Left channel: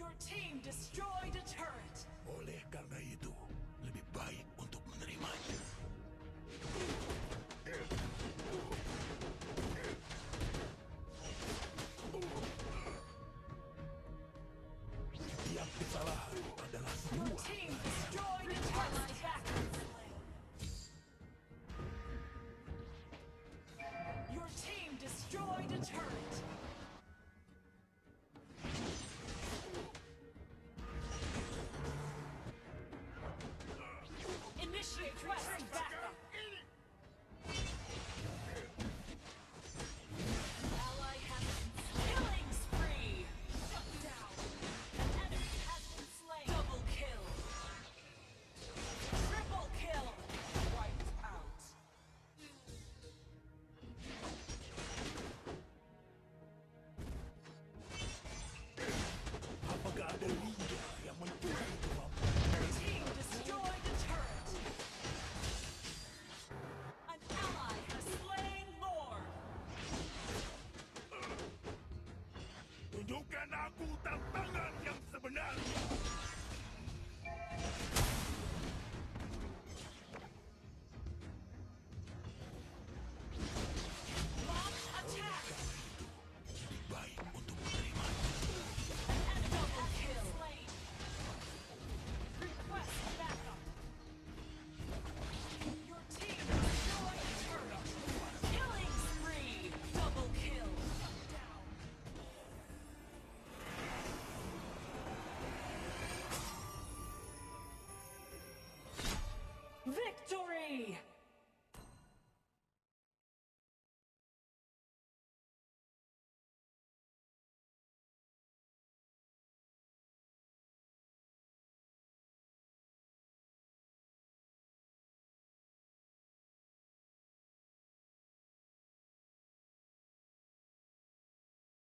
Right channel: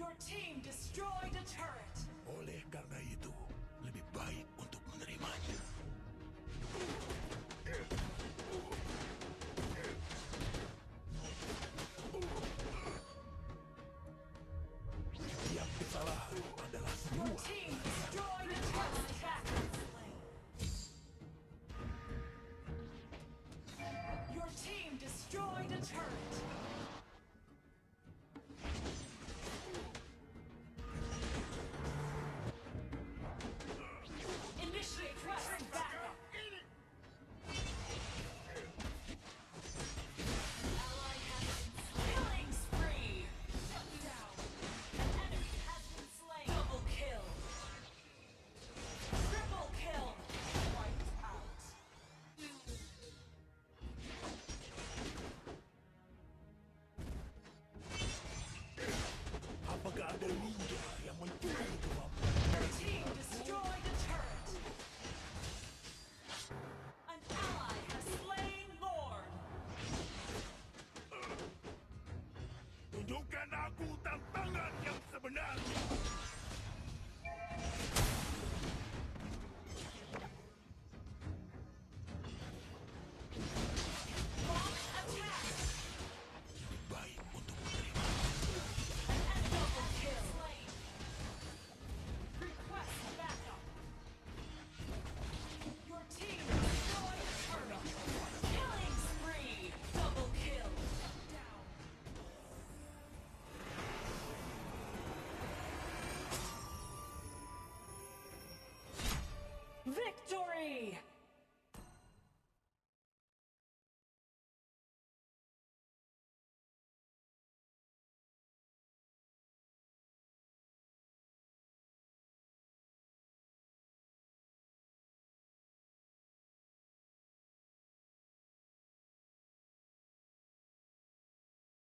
Your team destroyed a turret. Oleh karena itu, lebih baik untuk menerimanya. Setiap kesalahan adalah Your sebuah team destroyed a turret. Your team destroyed a turret. Initiate quest backup. Ally has been killing spree. Shut down. An enemy has been slain. Double kill. Triple kill. Wiped out. Apakah ada ninja yang mencuri kemampuan? Your team destroyed a turret. An ally has slain Lord. Tunjukkan aku tantangan yang sebenarnya. Launch attack. Lebih baik untuk menerimanya. And double kill. Request backup. Your team destroyed a turret. Killing spree. Double kill. Down. Victory!